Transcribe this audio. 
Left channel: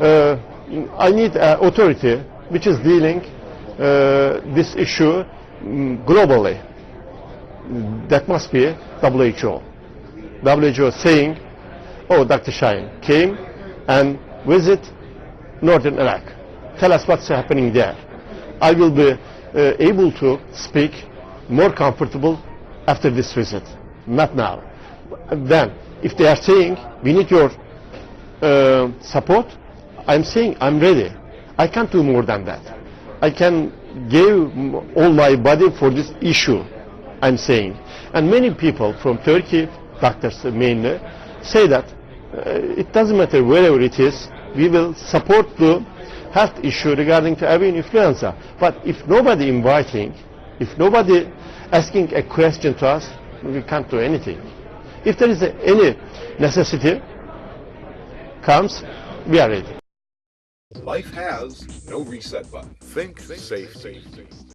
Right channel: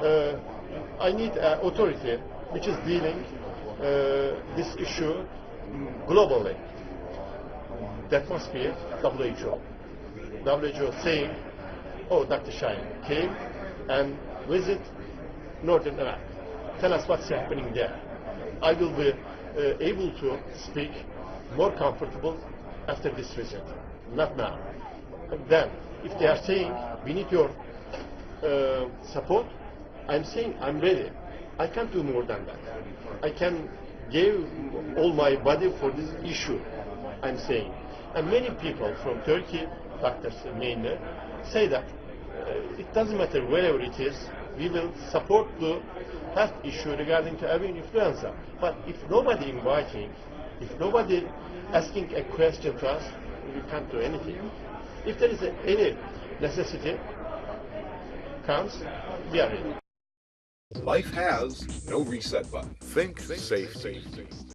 I need an authority which is dealing this issue globally. That must be WHO. WHO saying, oh, Dr. Şahin came and visit northern Iraq. Tell us what's happening there. I will be able to speak more comfortable after this visit, not now. Then, if they are saying, we need your support, I'm saying, I'm ready. I can't do more than that. I can give all my body for this issue, I'm saying. And many people from Turkey, doctors mainly, say that it doesn't matter wherever it is, we will support the health issue regarding to avian influenza. But if nobody inviting, if nobody asking a question to us, we can't do anything. If there is any necessity comes, we are ready. Life has no reset button. Think safety.